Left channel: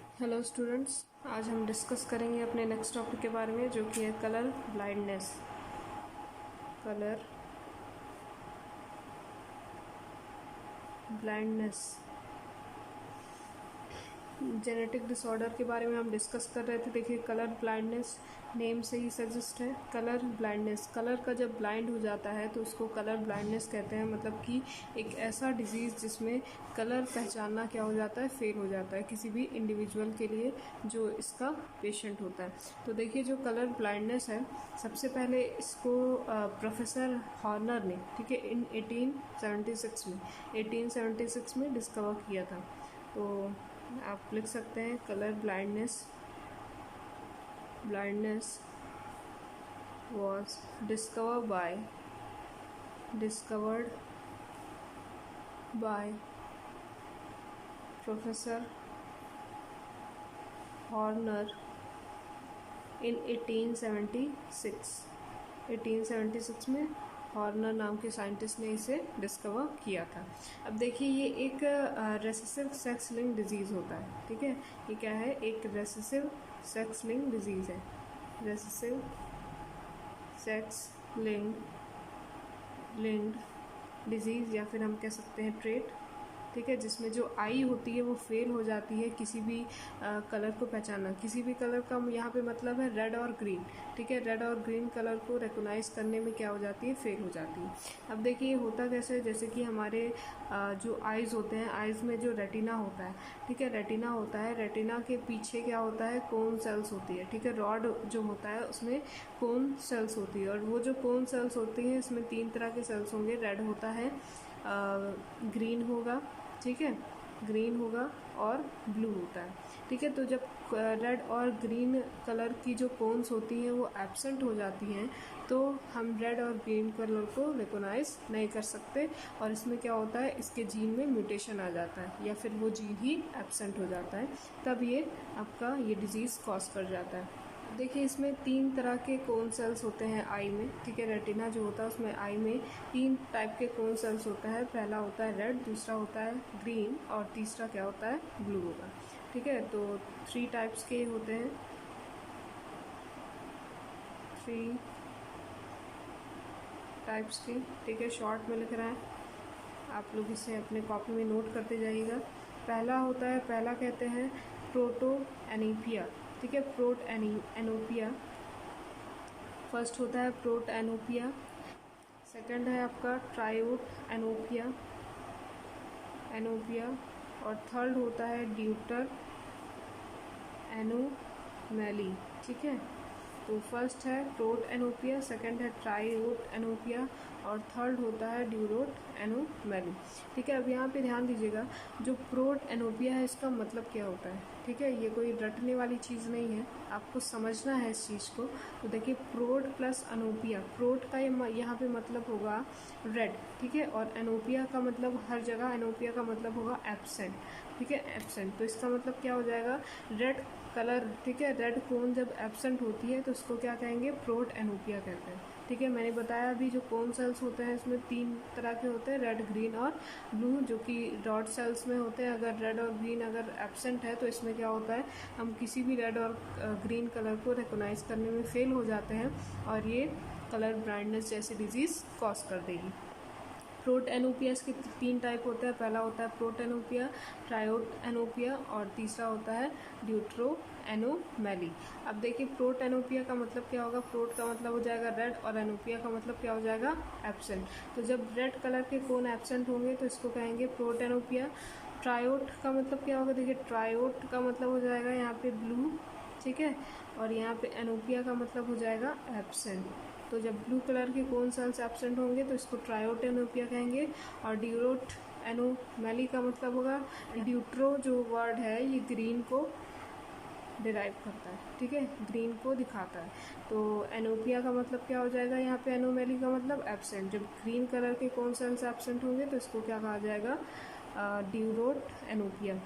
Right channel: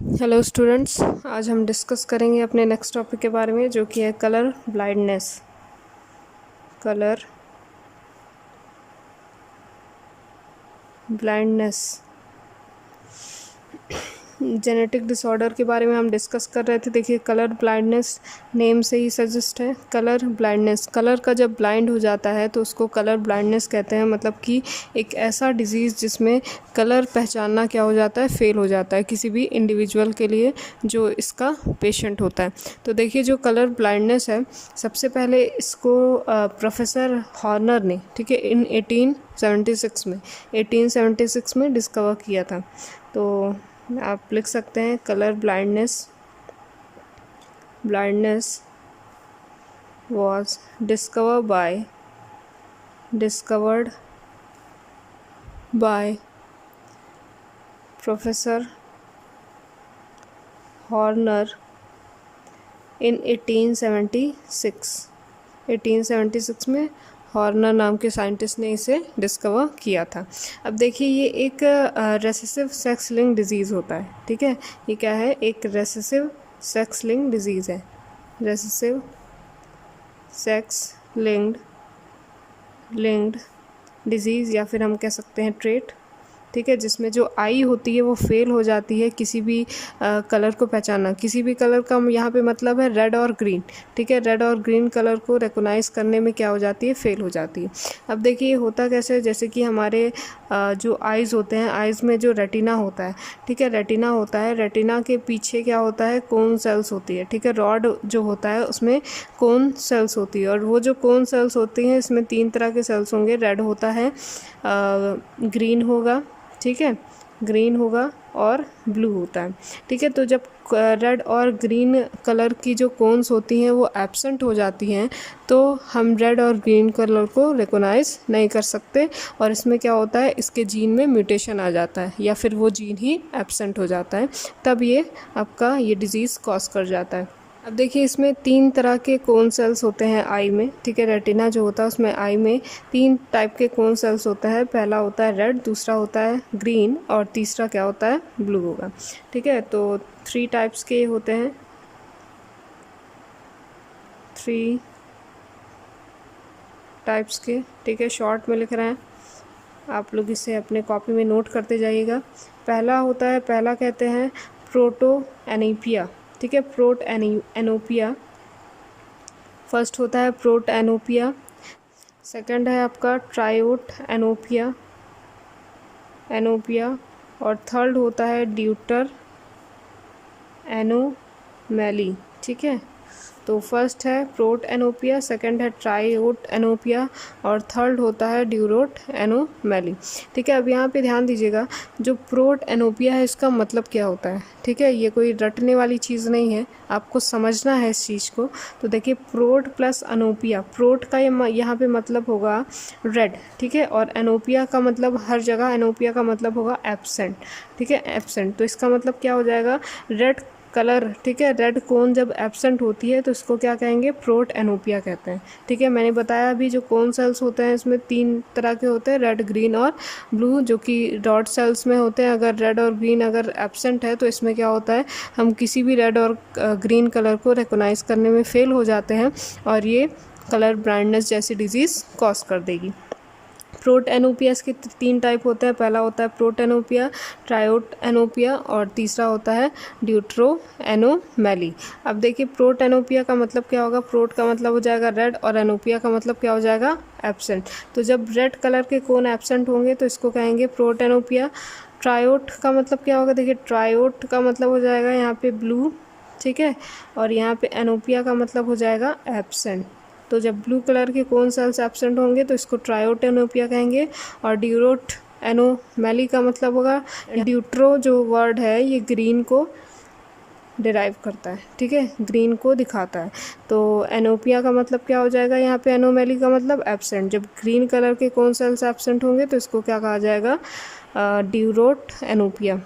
Hello students, आज हम discuss करेंगे अपने नेक्स्ट टॉपिक के बारे में, जो कि है colour blindness. Colour blindness genetic disorder के बारे में हम डिस्कस कर रहे थे। देखिए, कलर ब्लाइंडनेस नेम से ही सजेस्ट है। कलर ब्लाइंडनेस, कलर का जब ब्लाइंड हो जाता है तो उसको कलर ब्लाइंडनेस कहते हैं। मतलब कि एक ऐसा डिजीज़ जिसमें कलर पहचानना क्या हो जाता है, फेल हो जाता है किसी भी इंडिविजुअल के लिए जो इसका पेशेंट होता है। तो देखिए, जो कलर ब्लाइंडनेस है, सबसे पहले इसको प्रोफेसर हॉर्नर ने, ठीक है, इन 1876 में डिस्कवर किया था। तो आप लिख सकते हैं colour blindness was discovered by professor Horner in 1876 में हॉर्नर नाम के साइंटिस्ट ने इसे डिस्कवर किया था। अब देखिए, ये एक रेसेसिव सेक्स लिंक्ड डिजीज़ होता है, ठीक है। ये क्या है? एक रेसेसिव सेक्स लिंक्ड डिजीज़ है। रेसेसिव सेक्स लिंक्ड डिजीज़, या फिर हम कह सकते हैं ट्रेट, ठीक है, जिसमें जो आई होती है वो फेल हो जाती है किसी भी कलर को पहचानना। किसी भी कलर का यहाँ पे मतलब है रेड और ग्रीन, ठीक है। रेड और ग्रीन कलर को रिकॉग्नाइज़ करने में क्या हो जाती है, फेल हो जाती है। अब देखिए, ये होता कैसे है? जैसे कि हमारे जो आइज़ होते हैं, आइज़ में जो रेटिना होता है, ठीक है, रेटिना होता है। रेटिना के पीछे क्या होता है? कोन सेल्स होती है, ठीक है। रॉड जो होता है उसमें कोन सेल्स होती है, और वो जो कोन सेल्स होती हैं, इसमें 3 तरह के सेल्स होंगे। रेड होता है, ग्रीन होगा, ठीक है, ग्रीन होगा, और ब्लू होता है, ठीक है। तो जब रेड और ग्रीन कलर की जो कोन्स होती हैं वो एब्सेंट हो जाती हैं, तो हम रेड और ग्रीन कलर को रिकॉग्नाइज नहीं कर सकते, और इसमें क्या होता है, इसके जीन में म्यूटेशन आ जाता है, या फिर वो जीन ही एब्सेंट हो जाता है, तब ये आपका ये डिज़ीज़ कॉज कर जाता है। अब देखिए, इसमें 3 तरह के कोन सेल्स होते हैं आई में, ठीक है। रेटिना जो होता है उसमें आई में 3 टाइप के कोन सेल्स होता है। पहला होता है रेड, दूसरा होता है ग्रीन, और तीसरा क्या होता है, ब्लू होगा, ठीक है। तो 3 टाइप्स के होते हैं, 3 टाइप्स के, ठीक है। शॉर्ट में लिख रहे हैं, आप लोग इसे अपने कॉपी में नोट करते जाइएगा। पहला होता है, पहला कहते हैं प्रोटो एनीपिया, ठीक है, प्रोट एनोपिया। फर्स्ट होता है प्रोट एनोपिया, सेकंड है आपका ट्रायोट एनोपिया, और थर्ड होता है ड्यूटर एनोमेली, ठीक है। तो फर्स्ट है प्रोट एनोपिया, सेकंड है ट्रायोट एनोपिया, और थर्ड होता है ड्यूरोट एनोमेली, ठीक है। अब यहाँ पे ध्यान दीजिएगा, जो प्रोट एनोपिया है इसका मतलब क्या होता है, ठीक है। ये कोई रटने वाली चीज़ नहीं है, आपको समझना है इस चीज़ को। तो देखिए, प्रोट प्लस एनोपिया, प्रोट का यहाँ पे मतलब होगा रेड, ठीक है, और एनोपिया का मतलब हर जगह एनोपिया का मतलब होगा एब्सेंट, ठीक है, एब्सेंट। तो इसका मतलब क्या हो जाएगा, रेड कलर, ठीक है। रेड कोन जब एब्सेंट होती है तो इसको क्या कहेंगे, प्रोट एनोपिया कहते हैं, ठीक है। मैंने बताया अभी, जो कोन सेल्स होते हैं इसमें 3 तरह के होते हैं, रेड, ग्रीन और ब्लू, जो कि डॉट सेल्स में होते हैं। अगर रेड और ग्रीन अगर एब्सेंट है तो इसमें क्या होता है, हम किसी भी रेड और ग्रीन कलर को रिकॉग्नाइज करने में फेल हो जाते हैं, और ये कलर ब्लाइंडनेस जैसी डिजीज़ कॉज कर देगी। प्रोट एनोपिया के 3 टाइप होते हैं। पहला होता है प्रोट एनोपिया, ट्रायोट एनोपिया, और तीसरा होता है ड्यूट्रो एनोमेली। अब देखिए, प्रोट एनोपिया का मतलब क्या होगा, प्रोट का मतलब हो जाएगा रेड, और एनोपिया का मतलब क्या हो जाएगा, एब्सेंट। तो जब रेड कलर के कोन एब्सेंट होंगे तो इसको कहेंगे प्रोट एनोपिया। ट्रायोट का मतलब क्या होगा, देखिए, ट्रायोट का मतलब हो जाएगा यहाँ पे ब्लू, ठीक है, और यहाँ पे एनोपिया का मतलब हो जाएगा एब्सेंट। तो जब ब्लू कलर के कोन सेल्स एब्सेंट होंगे तो इसको ट्रायोट एनोपिया कहेंगे, और ड्यूरोट एनोमेली का मतलब होगा, ड्यूट्रो जो वर्ड है ये ग्रीन को डिराइव करता है, ठीक है, ग्रीन को दिखाता है। तो एनोपिया का मतलब क्या हो जाएगा, यहाँ पे एनोमेली का मतलब एब्सेंट। जब ग्रीन कलर के कोन सेल्स एब्सेंट होंगे तो इसको क्या कहा जाएगा, ड्यूरोट एनोपिया।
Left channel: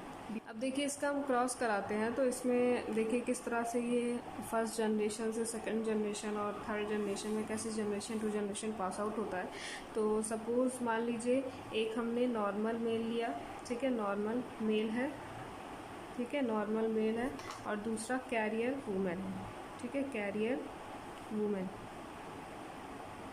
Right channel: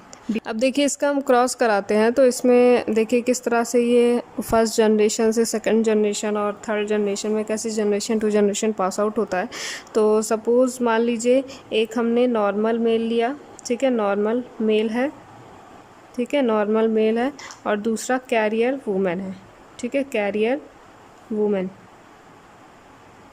अब देखिए, इसका हम क्रॉस कराते हैं तो इसमें देखिए किस तरह से ये फर्स्ट जनरेशन से सेकंड जनरेशन और थर्ड जनरेशन में कैसे generation to generation pass out होता है। तो सपोज़ मान लीजिए एक हमने नॉर्मल मेल लिया, ठीक है, नॉर्मल मेल है, ठीक है, नॉर्मल मेल है, और दूसरा कैरियर वुमेन है। ठीक है, कैरियर वुमेन।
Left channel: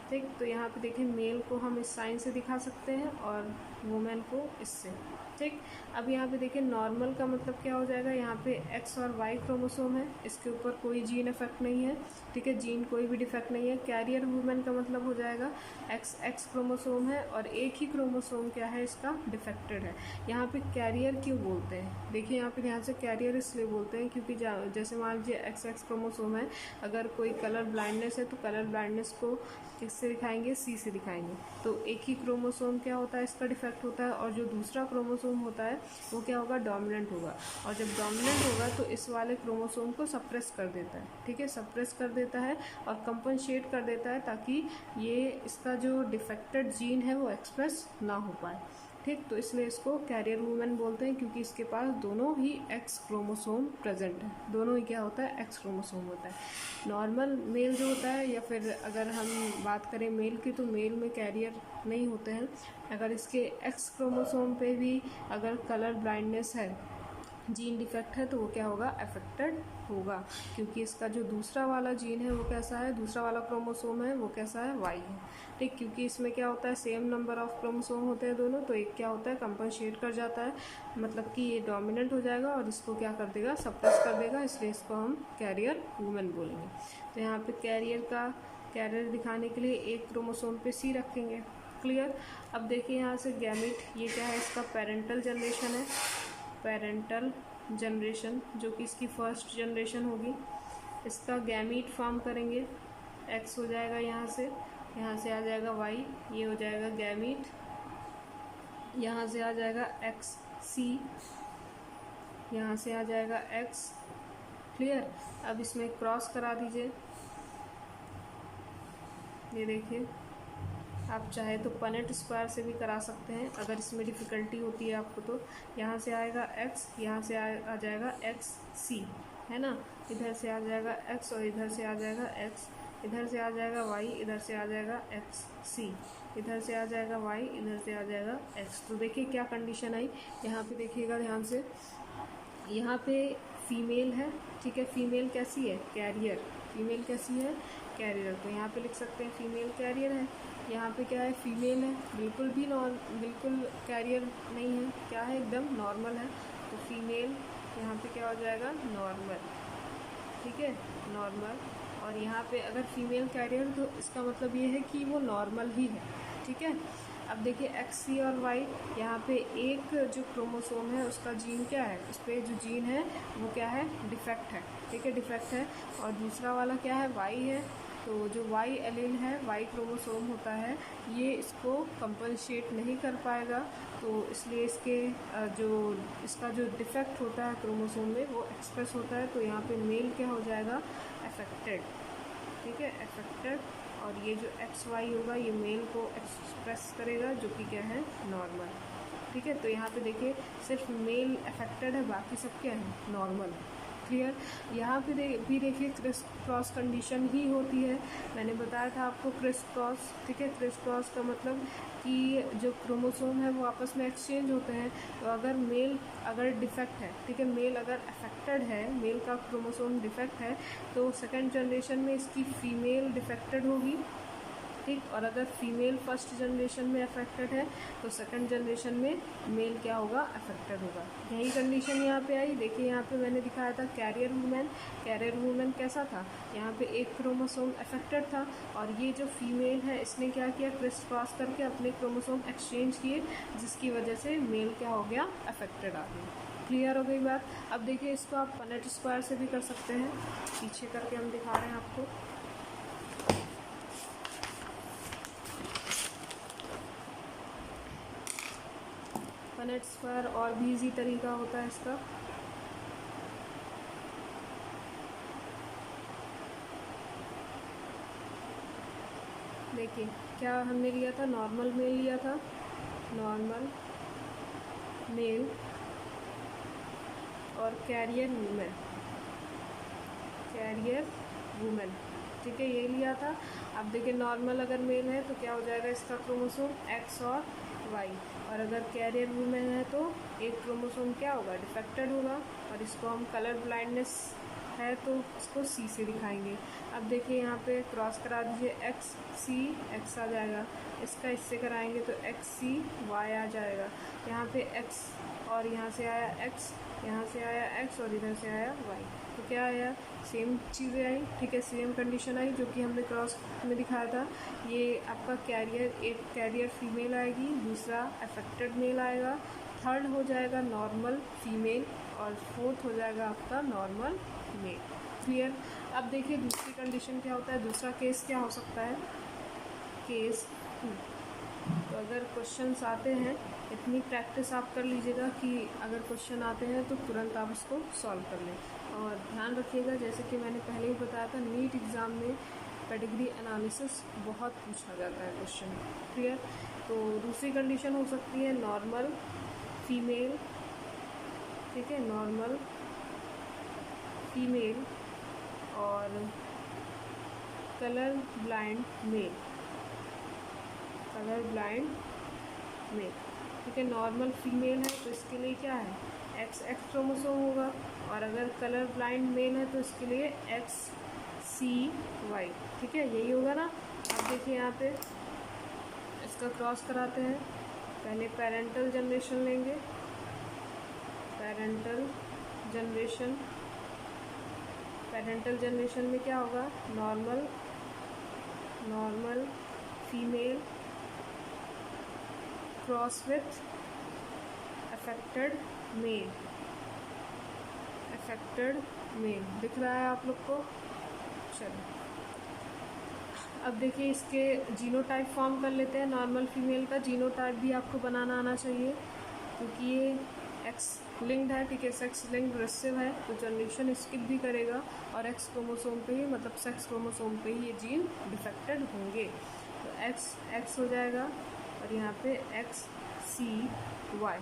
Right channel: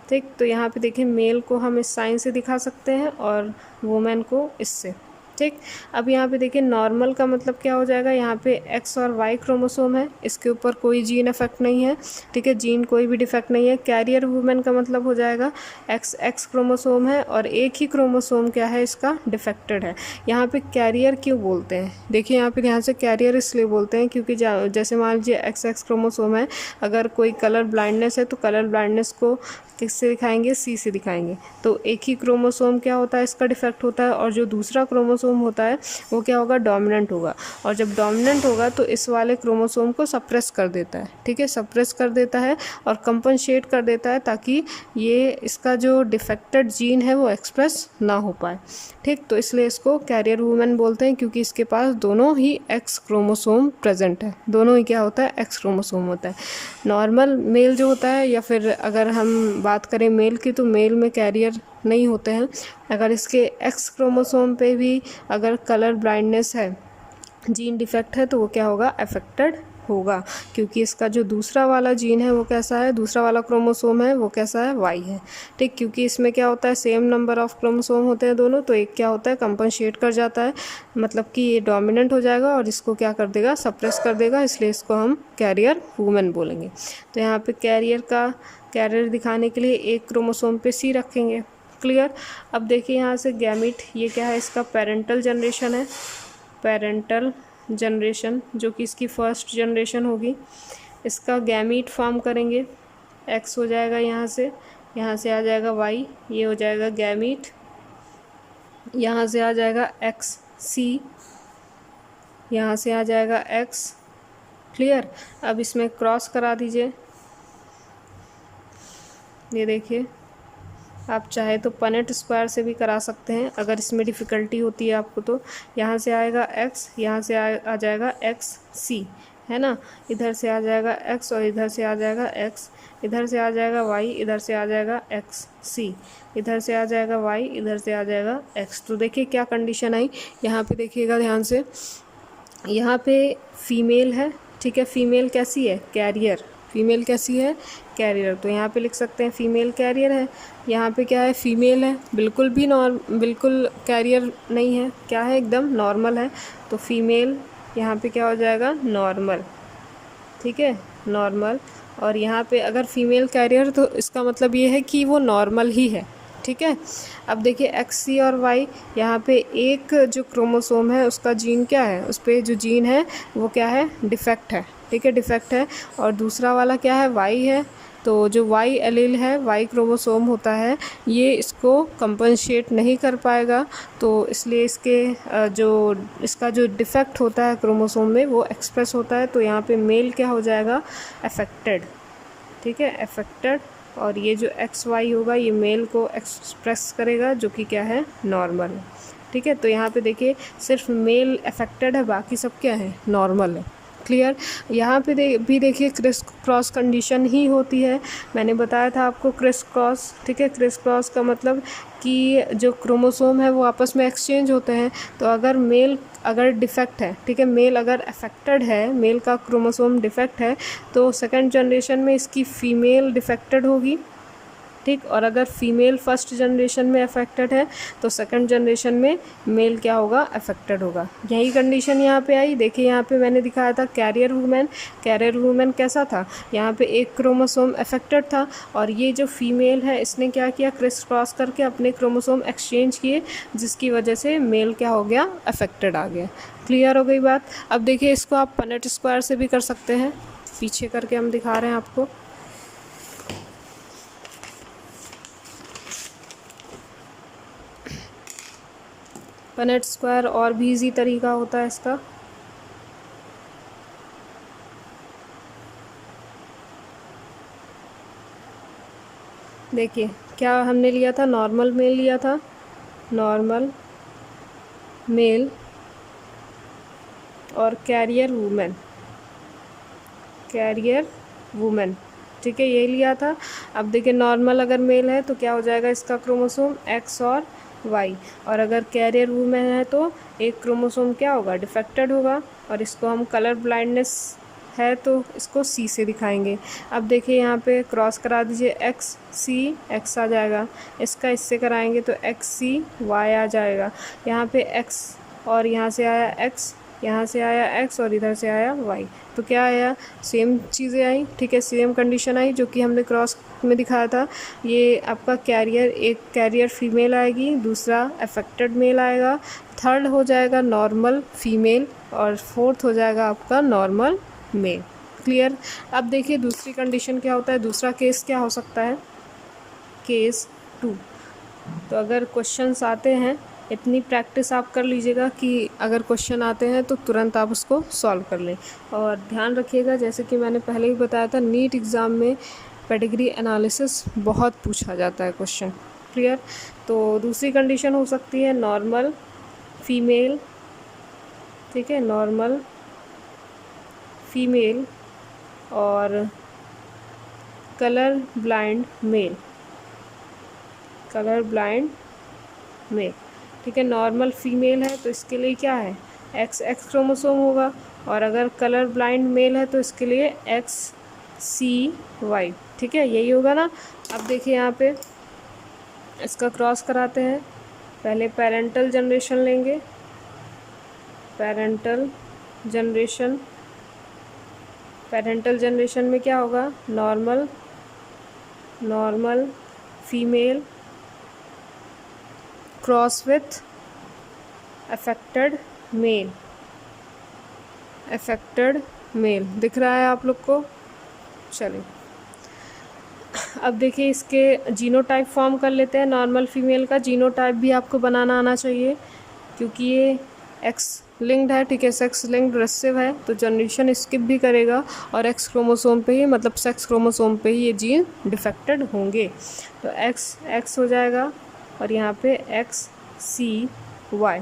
ठीक, तो यहाँ पे देखिए मेल को हम इस साइन से दिखा सकते हैं और वुमेन को इससे। ठीक, अब यहाँ पे देखिए नॉर्मल का मतलब क्या हो जाएगा, यहाँ पे एक्स और वाई क्रोमोसोम है, इसके ऊपर कोई जीन इफेक्ट नहीं है। ठीक है, जीन कोई भी डिफेक्ट नहीं है। कैरियर वुमेन का मतलब हो जाएगा एक्स क्रोमोसोम है और एक ही क्रोमोसोम क्या है इसका डिफेक्टेड है। यहाँ पे कैरियर क्यों बोलते हैं, देखिए यहाँ पे ध्यान से, कैरियर इसलिए बोलते हैं क्योंकि जैसे मान लीजिए एक्स क्रोमोसोम है, अगर कोई कलर ब्लाइंडनेस है तो कलर ब्लाइंडनेस को किससे दिखाएंगे, सी से दिखाएंगे। तो एक ही क्रोमोसोम क्या होता है इसका डिफेक्ट होता है, और जो दूसरा क्रोमोसोम होता है वो क्या होगा, डोमिनेंट होगा, और जब डोमिनेंट होगा तो इस वाले क्रोमोसोम को सप्रेस कर देता है। ठीक है, सप्रेस कर देता है और कंपनसेट कर देता है ताकि ये इसका जो डिफेक्टेड जीन है वो एक्सप्रेस ना हो पाए। ठीक, तो इसलिए इसको कैरियर वुमेन बोलते हैं क्योंकि इसके पास दोनों ही एक्स क्रोमोसोम प्रेजेंट है, दोनों ही क्या होता है, एक्स क्रोमोसोम होता है। नॉर्मल मेल जो होता है, या फिर अगर हम बात करें मेल की, तो मेल में कैरियर नहीं होते हैं। अगर इसके एक्स क्रोमोसोम पे भी अगर कलर ब्लाइंडनेस है, जीन डिफेक्ट है, तो वो क्या होगा, अफेक्टेड होगा, क्योंकि इसका जो दूसरा वाला जीन है वो कैसा है, दूसरा वाला क्रोमोसोम है वो कैसा है, वाई है। ठीक, क्योंकि इसमें क्या होता है, सेम नंबर ऑफ क्रोमोसोम होते हैं दोनों, तो एक क्या होता है, कंपनसेट कर जाता है, मतलब कि ये डोमिनेंट हो जाएगा और इसको क्या कर देगा, सप्रेस कर देगा, इसलिए इसको हम कैरियर वुमेन बोलेंगे। तो यहाँ पे कैरियर दिखाने के लिए एक क्रोमोसोम पे सी रखेंगे। क्लियर। अब देखिए यहाँ से गैमीट, ये क्या है, इसका पेरेंटल जनरेशन है, पेरेंटल जनरेशन जो कि इसकी फर्स्ट जनरेशन होगी। इसका गैमीट फॉर्म करेंगे, एक्स हो जाएगा यहाँ से आ जाएगा वाई, ये हो जाएगा गैमीट, यहाँ से आ जाएगा एक्स सी, यहाँ से आ जाएगा एक्स। क्लियर। अब इसमें क्रॉस करा दीजिए, ये देखिए, आप चाहे तो पनेट स्क्वायर से भी करा सकते हैं अगर इसमें डिफ़िकल्टी होती है आपको। तो यहाँ से आएगा एक्स, यहाँ से आ जाएगा एक्स सी, है ना, इधर से आ जाएगा एक्स और इधर से आ जाएगा एक्स, इधर से आ जाएगा वाई, इधर से आ जाएगा एक्स सी, इधर से आ जाएगा वाई, इधर से आ जाएगा एक्स। तो देखिए क्या कंडीशन आई, यहाँ पे देखिएगा ध्यान से, यहाँ पे फीमेल है। ठीक है, फीमेल कैसी है, कैरियर, फीमेल कैसी है, कैरियर। तो यहाँ पे लिख सकते हैं फीमेल कैरियर है। यहाँ पे क्या है, फीमेल है, बिल्कुल कैरियर नहीं है, क्या है, एकदम नॉर्मल है। तो फीमेल यहाँ पे क्या हो जाएगा, नॉर्मल। ठीक है, नॉर्मल। और यहाँ पे अगर फीमेल कैरियर, तो इसका मतलब ये है कि वो नॉर्मल ही है। ठीक है। अब देखिए एक्स सी और वाई, यहाँ पे एक जो क्रोमोसोम है उसका जीन क्या है, उस पर जो जीन है वो क्या है, डिफेक्ट है। ठीक है, डिफेक्ट है। और दूसरा वाला क्या है, वाई है। तो जो वाई एलील है, वाई क्रोमोसोम होता है, ये इसको कंपनसेट नहीं कर पाएगा, तो इसलिए इसका जो डिफेक्ट होता है क्रोमोसोम में वो एक्सप्रेस होता है। तो यहाँ पे मेल क्या हो जाएगा, अफेक्टेड। ठीक है, अफेक्टेड। और ये जो एक्स वाई होगा ये मेल को एक्सप्रेस करेगा, जो कि क्या है, नॉर्मल। ठीक है, तो यहाँ पे देखिए सिर्फ मेल अफेक्टेड है, बाकी सब क्या है, नॉर्मल है। क्लियर। यहाँ पे भी देखिए क्रिस क्रॉस कंडीशन ही होती है, मैंने बताया था आपको क्रिस क्रॉस। ठीक है, क्रिस क्रॉस का मतलब कि जो क्रोमोसोम है वो आपस में एक्सचेंज होते हैं। तो अगर डिफेक्ट है, ठीक है, मेल अगर अफेक्टेड है, मेल का क्रोमोसोम डिफेक्ट है, तो सेकंड जनरेशन में इसकी फीमेल डिफेक्टेड होगी। ठीक, और अगर फीमेल फर्स्ट जनरेशन में अफेक्टेड है तो सेकंड जनरेशन में मेल क्या होगा, अफेक्टेड होगा। यही कंडीशन यहाँ पे आई। देखिए यहाँ पे मैंने दिखाया था कैरियर वुमेन। कैरियर वुमेन कैसा था, यहाँ पे एक क्रोमोसोम अफेक्टेड था और ये जो फीमेल है इसने क्या किया, क्रिस क्रॉस करके अपने क्रोमोसोम एक्सचेंज किए, जिसकी वजह से मेल क्या हो गया, अफेक्टेड आ गया। क्लियर हो गई बात। अब देखिए इसको आप पनेट स्क्वायर से भी कर सकते हैं, पीछे करके हम दिखा रहे हैं आपको। पनेट स्क्वायर और भी इजी तरीका होता है इसका। देखिए क्या हमने लिया था, नॉर्मल मेल लिया था, नॉर्मल मेल और कैरियर वुमेन, कैरियर वुमेन। ठीक है, ये लिया था। अब देखिए नॉर्मल अगर मेल है तो क्या हो जाएगा, इसका क्रोमोसोम एक्स और वाई। और अगर कैरियर वूमेन है तो एक क्रोमोसोम क्या होगा, डिफेक्टेड होगा। और इसको हम कलर ब्लाइंडनेस है तो इसको सी से दिखाएंगे। अब देखिए यहाँ पे क्रॉस करा दीजिए, एक्स सी एक्स आ जाएगा, इसका इससे कराएंगे तो एक्स सी वाई आ जाएगा। यहाँ पे एक्स और यहाँ से आया एक्स, यहाँ से आया एक्स और इधर से आया वाई, तो क्या आया, सेम चीज़ें आई, ठीक है, सेम कंडीशन आई जो कि हमने क्रॉस में दिखाया था। ये आपका कैरियर, एक कैरियर फीमेल आएगी, दूसरा अफेक्टेड मेल आएगा, थर्ड हो जाएगा नॉर्मल फीमेल और फोर्थ हो जाएगा आपका नॉर्मल मेल। क्लियर। अब देखिए दूसरी कंडीशन क्या होता है, दूसरा केस क्या हो सकता है, केस 2। तो अगर क्वेश्चंस आते हैं, इतनी प्रैक्टिस आप कर लीजिएगा कि अगर क्वेश्चन आते हैं तो तुरंत आप उसको सॉल्व कर लें। और ध्यान रखिएगा, जैसे कि मैंने पहले ही बताया था, नीट एग्ज़ाम में पेडिग्री एनालिसिस बहुत पूछा जाता है क्वेश्चन। क्लियर। तो दूसरी कंडीशन हो सकती है नॉर्मल फीमेल, ठीक है, नॉर्मल फीमेल और colour blind mail, colour blind mail, ठीक है। नॉर्मल फीमेल है तो इसके लिए क्या है, एक्स एक्स क्रोमोसोम होगा, और अगर कलर ब्लाइंड मेल है तो इसके लिए एक्स सी वाई, ठीक है, यही होगा ना। अब देखिए यहाँ पे इसका क्रॉस कराते हैं, पहले पेरेंटल जनरेशन लेंगे, पेरेंटल जनरेशन, पेरेंटल जनरेशन में क्या होगा, normal, normal female cross with affected male, affected male, दिख रहा है आप लोग को। चलिए अब देखिए इसके जीनोटाइप फॉर्म कर लेते हैं। नॉर्मल फीमेल का जीनोटाइप भी आपको बनाना आना चाहिए, क्योंकि ये एक्स लिंक्ड है, ठीक है, सेक्स लिंक्ड रिसेसिव है, तो जनरेशन स्किप भी करेगा और एक्स क्रोमोसोम पे ही, मतलब सेक्स क्रोमोसोम पे ही ये जीन डिफेक्टेड होंगे। तो एक्स एक्स हो जाएगा और यहाँ पे एक्स सी वाई।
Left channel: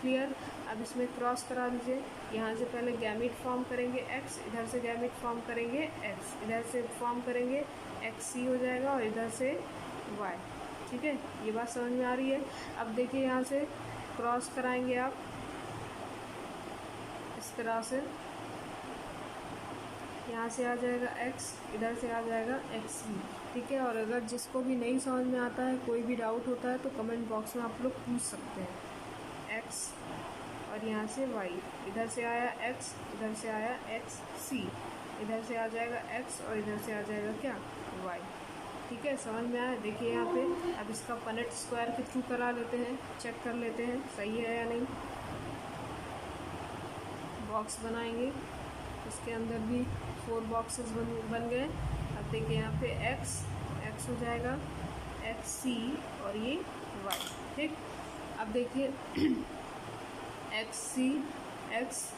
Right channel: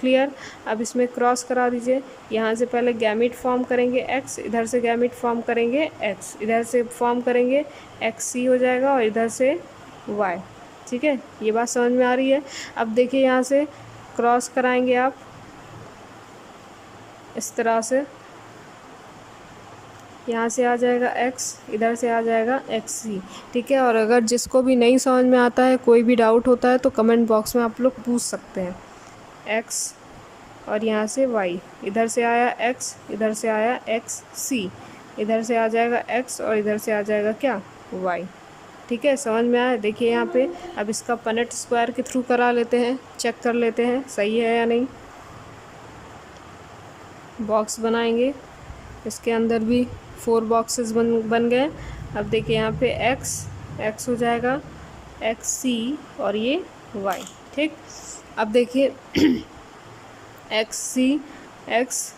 क्लियर। अब इसमें क्रॉस करा दीजिए, यहाँ से पहले गैमिट फॉर्म करेंगे एक्स, इधर से गैमिट फॉर्म करेंगे एक्स, इधर से फॉर्म करेंगे एक्स सी हो जाएगा और इधर से वाई, ठीक है, ये बात समझ में आ रही है। अब देखिए यहाँ से क्रॉस कराएंगे आप इस तरह से, यहाँ से आ जाएगा x, इधर से आ जाएगा एक्स सी, ठीक है। और अगर जिसको भी नहीं समझ में आता है, कोई भी डाउट होता है, तो कमेंट बॉक्स में आप लोग पूछ सकते हैं। x और यहाँ से y, इधर से आया x, इधर से आया एक्स सी, इधर से आ जाएगा x और इधर से आ जाएगा क्या, y, ठीक है, समझ में आया। देखिए यहाँ पे अब इसका पनेट स्क्वायर के थ्रू करा लेते हैं, चेक कर लेते हैं सही है या नहीं। बॉक्स बनाएंगे, इसके अंदर भी 4 बॉक्सेस बन गए। अब देखिए यहाँ पे x हो जाएगा एक्स सी और ये y, ठीक। अब देखिए एक्स सी एक्स,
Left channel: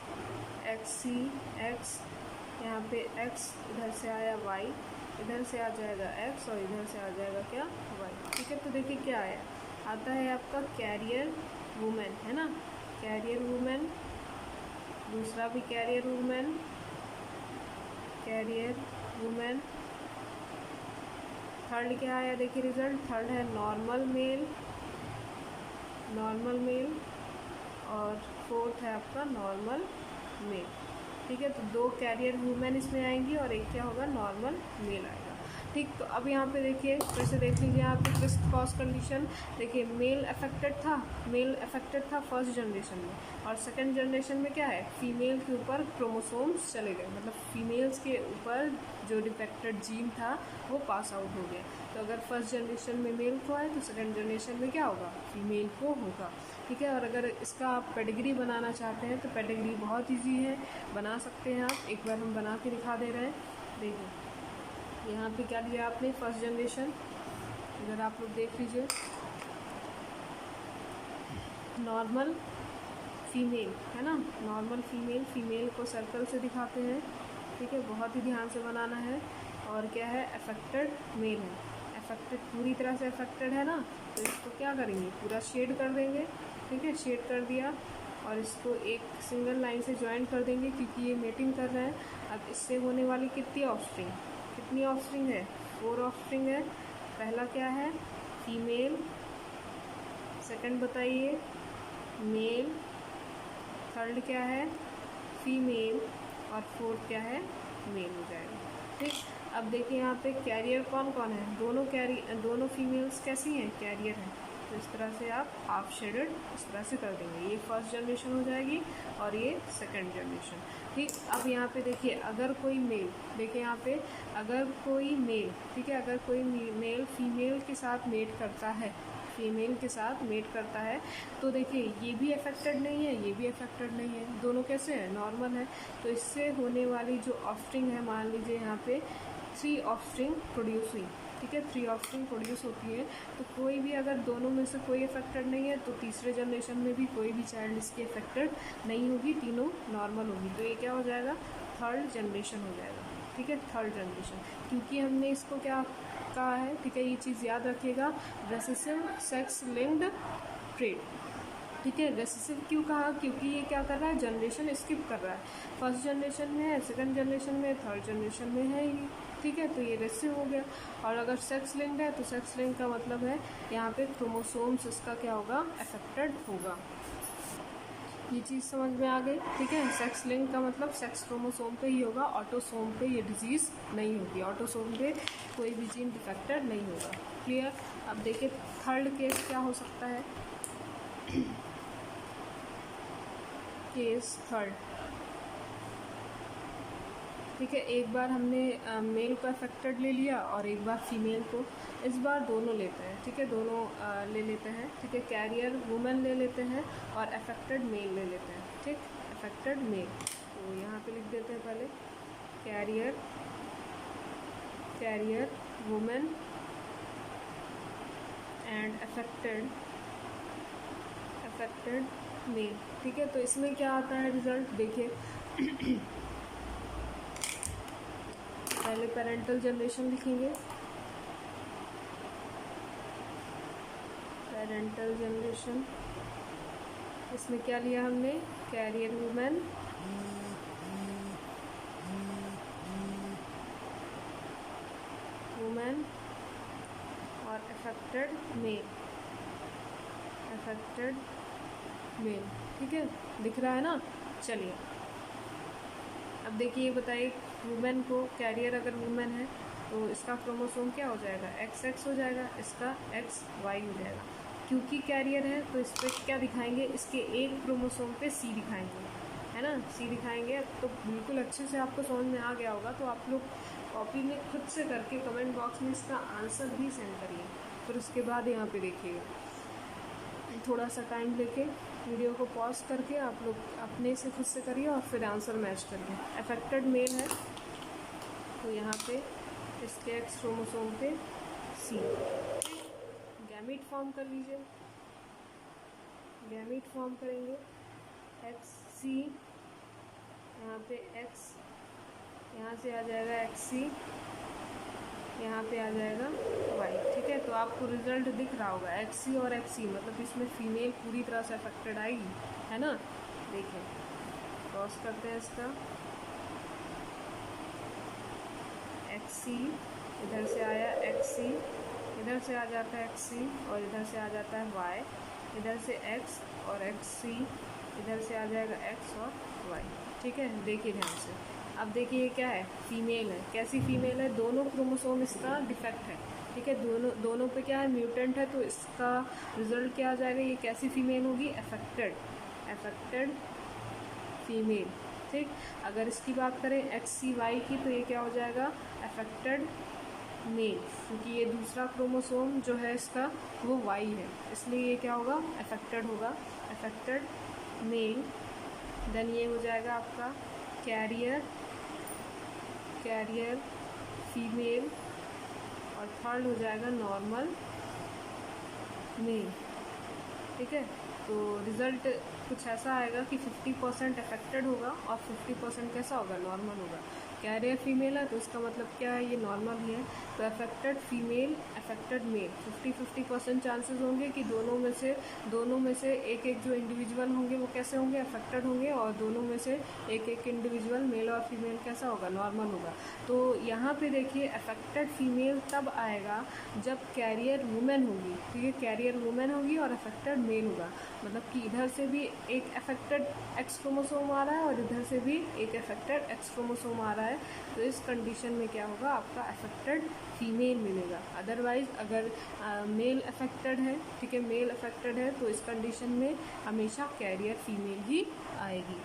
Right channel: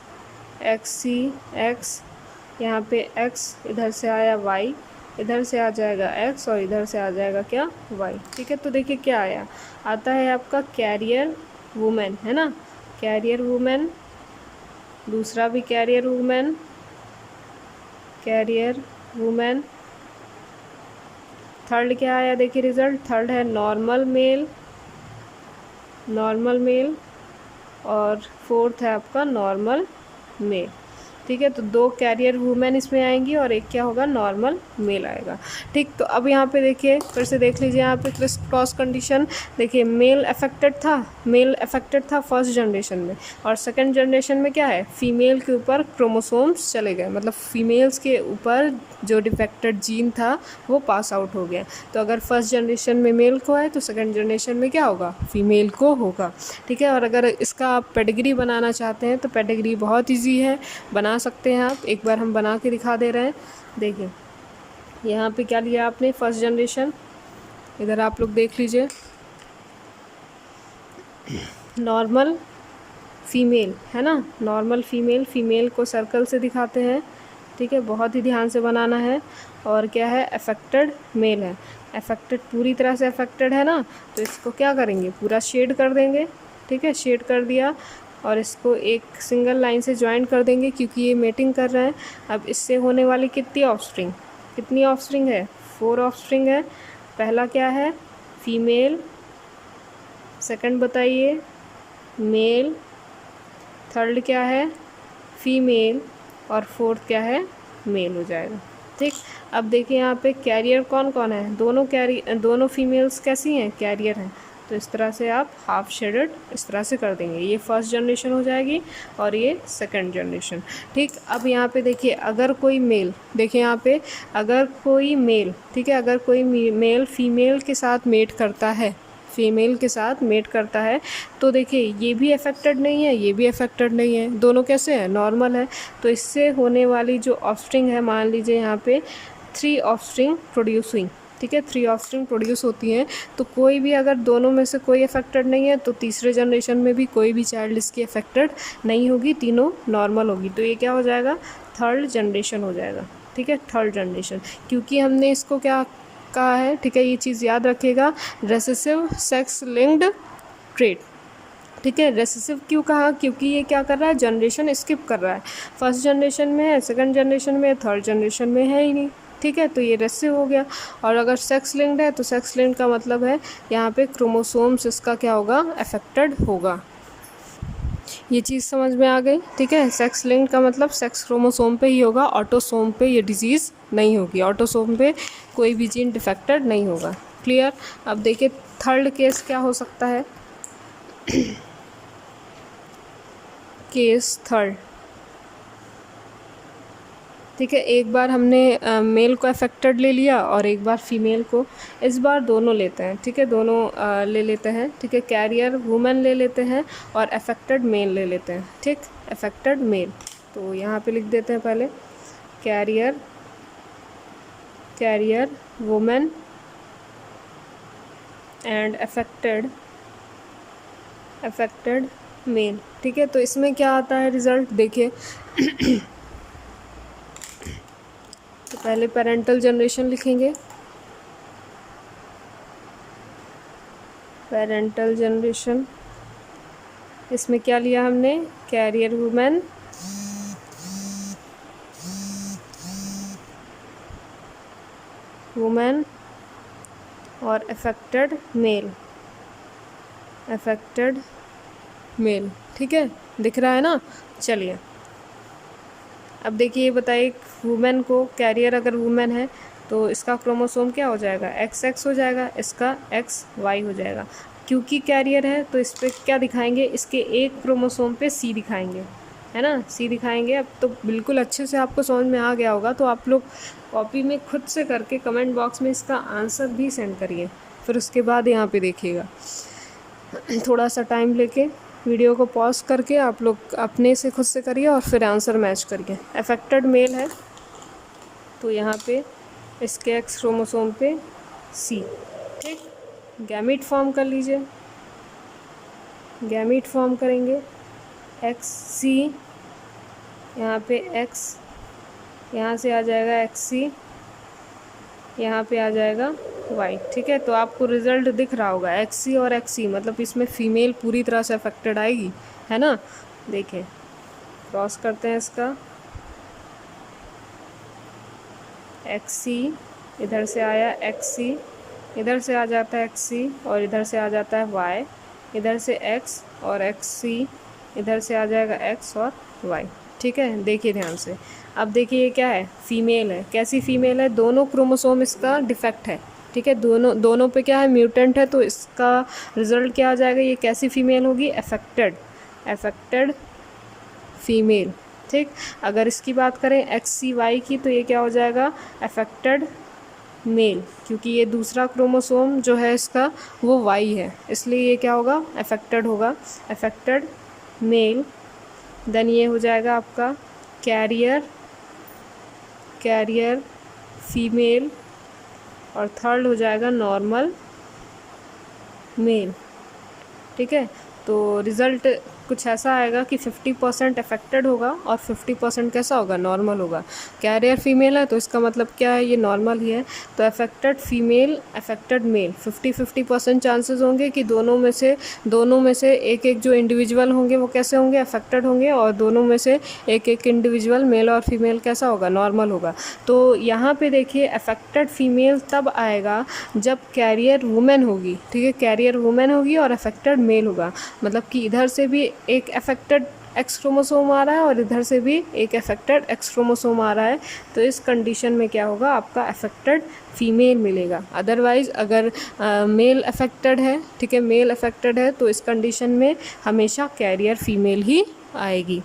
यहाँ पे x, इधर से आया y, इधर से आ जाएगा x और इधर से आ जाएगा क्या, y, ठीक है। तो देखिए क्या आया, आता है आपका कैरियर वुमेन, है ना, कैरियर वुमेन, दूसरा भी carrier women, carrier women, third क्या आया, देखिए रिजल्ट, थर्ड है नॉर्मल मेल, नॉर्मल मेल, और फोर्थ है आपका नॉर्मल मेल, ठीक है। तो 2 कैरियर वुमेन इसमें आएंगी और एक क्या होगा, नॉर्मल मेल आएगा, ठीक। तो अब यहाँ पे देखिए फिर से देख लीजिए, यहाँ पे क्रॉस कंडीशन देखिए, मेल अफेक्टेड था फर्स्ट जनरेशन में, और सेकंड जनरेशन में क्या है, फीमेल के ऊपर क्रोमोसोम्स चले गए, मतलब फीमेल्स के ऊपर जो डिफेक्टेड जीन था वो पास आउट हो गया। तो अगर फर्स्ट जनरेशन में मेल को है तो सेकेंड जनरेशन में क्या होगा, फीमेल को होगा, ठीक है। और अगर इसका आप पेडिग्री बनाना चाहते हैं तो पेडिग्री बहुत ईजी है, बना सकते हैं आप। एक बार हम बना के दिखा दे रहे हैं। देखिए यहाँ पे क्या लिया आपने, फर्स्ट जनरेशन, इधर आप लोग देख लीजिए, नॉर्मल फीमेल है ना, नॉर्मल फीमेल को सर्कल से दिखाते हैं, ठीक है, बहुत ही ध्यान से बनाना है। और क्या है, अफेक्टेड मेल है, अफेक्टेड पूरी तरह से अफेक्टेड है ना, तो इसको क्या करेंगे, पूरा शेड कर देंगे, ठीक है, शेड कर दिया, और इसको एक सिंगल लाइन से ज्वाइन कर देंगे क्योंकि ये मेटिंग कर रहे हैं। अब इससे होने वाली कितनी ऑफस्प्रिंग है, 4 ऑफस्प्रिंग है। पहला क्या है, फीमेल सेकंड बताइए मेल, थर्ड क्या है फीमेल, और फोर्थ क्या है मेल हो जाएगा। ठीक, अब देखिए यहाँ पे कैरियर कौन कौन है, दोनों फीमेल्स कैसी हैं, कैरियर हैं। तो इस तरह से आप हाफ शेडेड इस तरह से कर देंगे। ये फर्स्ट जनरेशन हो जाएगी और ये सेकंड जनरेशन। ठीक, अब यहाँ पे देखिए अगर कोई मेल, देखिए यहाँ पे अगर कोई मेल, ठीक है, अगर कोई मेल फीमेल के साथ मेट करता है, फीमेल के साथ मेट करता है, तो देखिए ये भी अफेक्टेड नहीं है, ये भी अफेक्टेड नहीं है, दोनों कैसे हैं, नॉर्मल है। तो इससे होने वाली जो ऑफस्प्रिंग है, मान लीजिए यहाँ पे 3 ऑफस्प्रिंग प्रोड्यूस हुई, ठीक है, 3 ऑफस्प्रिंग प्रोड्यूस होती हैं, तो कोई भी अगर दोनों में से कोई अफेक्टेड नहीं है तो तीसरे जनरेशन में भी कोई भी चाइल्ड इसकी अफेक्टेड नहीं होगी, तीनों नॉर्मल होगी। तो ये क्या हो जाएगा, थर्ड जनरेशन हो जाएगा। ठीक है, थर्ड जनरेशन, क्योंकि हमने इसको क्या कहा है, ठीक है, ये चीज़ याद रखिएगा, रेसेसिव सेक्स लिंक्ड ट्रेट। ठीक है, रेसेसिव क्यों कहा, क्योंकि ये क्या कर रहा है, जनरेशन स्किप कर रहा है, फर्स्ट जनरेशन में है, सेकंड जनरेशन में, थर्ड जनरेशन में है ही नहीं। ठीक है, तो ये रेसेसिव हो गया। और अगर सेक्स लिंक्ड है तो सेक्स लिंक्ड का मतलब है यहाँ पे क्रोमोसोम्स इसका क्या होगा, अफेक्टेड होगा। ये चीज़ समझ में आ गई। ठीक है, सेक्स लिंक्ड का मतलब सेक्स क्रोमोसोम पे ही होगा, ऑटोसोम पे ये डिजीज़ नहीं होगी, ऑटोसोम पे कोई भी जीन डिफेक्टेड नहीं होगा। क्लियर। अब देखिए थर्ड केस क्या हो सकता है, केस थर्ड। ठीक है, एक बार हमने मेल को अफेक्टेड ले लिया और एक बार फीमेल को, इस बार दोनों लेते हैं। ठीक है, दोनों ले लेते हैं। ठीक है, कैरियर वुमेन ले लेते हैं और अफेक्टेड मेल ले लेते हैं। ठीक, अफेक्टेड मेल, तो यहाँ पे लिख देते हैं पहले carrier women and affected male. ठीक है, तो इसमें क्या आता है रिज़ल्ट, देखिए पहले पेरेंटल जनरेशन लिखेंगे, पेरेंटल जनरेशन, इसमें क्या लिया हमने, कैरियर वुमेन और अफेक्टेड मेल। ठीक है, दिख रहा है ना। चलिए अब देखिए, ये बताइए वुमेन को, कैरियर अगर वुमेन है तो इसका क्रोमोसोम क्या हो जाएगा, XX हो जाएगा, इसका XY हो जाएगा। क्योंकि कैरियर है तो इस पर क्या दिखाएंगे, इसके एक क्रोमोसोम पे C दिखाएंगे, है ना, C दिखाएंगे। अब तो बिल्कुल अच्छे से आपको समझ में आ गया होगा, तो आप लोग कॉपी में खुद से करके कमेंट बॉक्स में इसका आंसर भी सेंड करिए, फिर उसके बाद यहाँ पे देखिएगा, थोड़ा सा टाइम लेके वीडियो को पॉज करके आप लोग अपने से खुद से करिए और फिर आंसर मैच करिए। अफेक्टेड मेल है तो यहाँ पे इसके X क्रोमोसोम पे C। ठीक, गैमीट फॉर्म कर लीजिए, गैमीट फॉर्म करेंगे, XC, यहाँ पे X, यहाँ से आ जाएगा XC, यहाँ पे आ जाएगा Y। ठीक है, तो आपको रिज़ल्ट दिख रहा होगा, XC और XC, मतलब इसमें फीमेल पूरी तरह से अफेक्टेड आएगी, है ना। देखिए क्रॉस करते हैं इसका, XC इधर से आया, XC इधर से आ जाता है, XC और इधर से आ जाता है Y, इधर से X और XC इधर से आ जाएगा X और Y। ठीक है, देखिए ध्यान से। अब देखिए ये क्या है, फीमेल है, कैसी फीमेल है, दोनों क्रोमोसोम इसका डिफेक्ट है। ठीक है, दोनों पे क्या है, म्यूटेंट है, तो इसका रिजल्ट क्या आ जाएगा, ये कैसी फीमेल होगी, अफेक्टेड फीमेल। ठीक, अगर इसकी बात करें XCY की, तो ये क्या हो जाएगा, अफेक्टेड मेल, क्योंकि ये दूसरा क्रोमोसोम जो है इसका वो Y है, इसलिए ये क्या होगा, अफेक्टेड होगा, अफेक्टेड मेल। देन ये हो जाएगा आपका कैरियर फीमेल, और थर्ड हो जाएगा नॉर्मल मेल। ठीक है, तो रिज़ल्ट कुछ ऐसा आएगा कि 50% अफेक्टेड होगा और 50% कैसा होगा, नॉर्मल होगा। कैरियर फीमेल है तो इसका मतलब क्या है, ये नॉर्मल ही है। तो affected female affected male 50-50% chances होंगे कि दोनों में से एक एक जो इंडिविजुअल होंगे वो कैसे होंगे, अफेक्टेड होंगे, और दोनों में से एक एक इंडिविजुअल मेल और फीमेल कैसा होगा, नॉर्मल होगा। तो यहाँ पे देखिए अफेक्टेड फीमेल तब आएगा जब कैरियर वुमेन होगी, ठीक है, कैरियर वुमेन होगी और अफेक्टेड मेल होगा। मतलब कि इधर से भी एक अफेक्टेड एक्स क्रोमोसोम आ रहा है और इधर से भी एक अफेक्टेड एक्स क्रोमोसोम आ रहा है। तो इस कंडीशन में क्या होगा, आपका अफेक्टेड फीमेल मिलेगा। अदरवाइज़ अगर मेल अफेक्टेड है, ठीक है, मेल अफेक्टेड है, तो इस कंडीशन में हमेशा कैरियर फीमेल ही आएगी।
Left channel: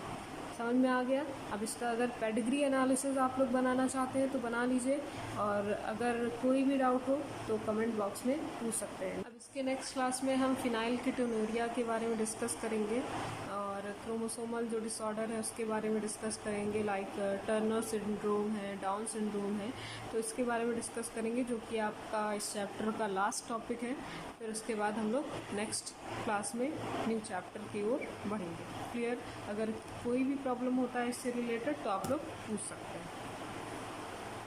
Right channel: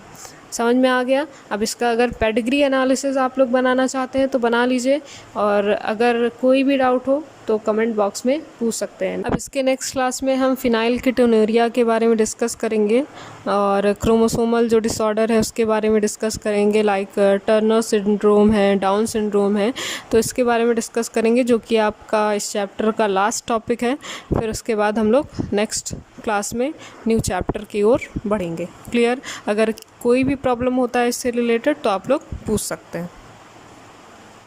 समझ में आ गया। अब इसका अगर पेडिग्री एनालिसिस आप लोग बनाना चाहते हैं तो बना लीजिए, और अगर कोई भी डाउट हो तो कमेंट बॉक्स में पूछ सकते हैं। अब इसके नेक्स्ट क्लास में हम फिनाइलकीटोनुरिया के बारे में डिस्कस करेंगे, और क्रोमोसोमल जो डिसऑर्डर है उसके बारे में डिस्कस करेंगे, लाइक टर्नर सिंड्रोम है, डाउन सिंड्रोम है, तो इसके बारे में डिस्कस करेंगे, जो कि आपका इस चैप्टर का लास्ट टॉपिक है। फिर उसके बाद हम लोग नेक्स्ट क्लास में न्यू चैप्टर की ओर बढ़ेंगे। क्लियर। अगर कोई भी प्रॉब्लम होता है इससे रिलेटेड तो आप लोग पूछ सकते हैं।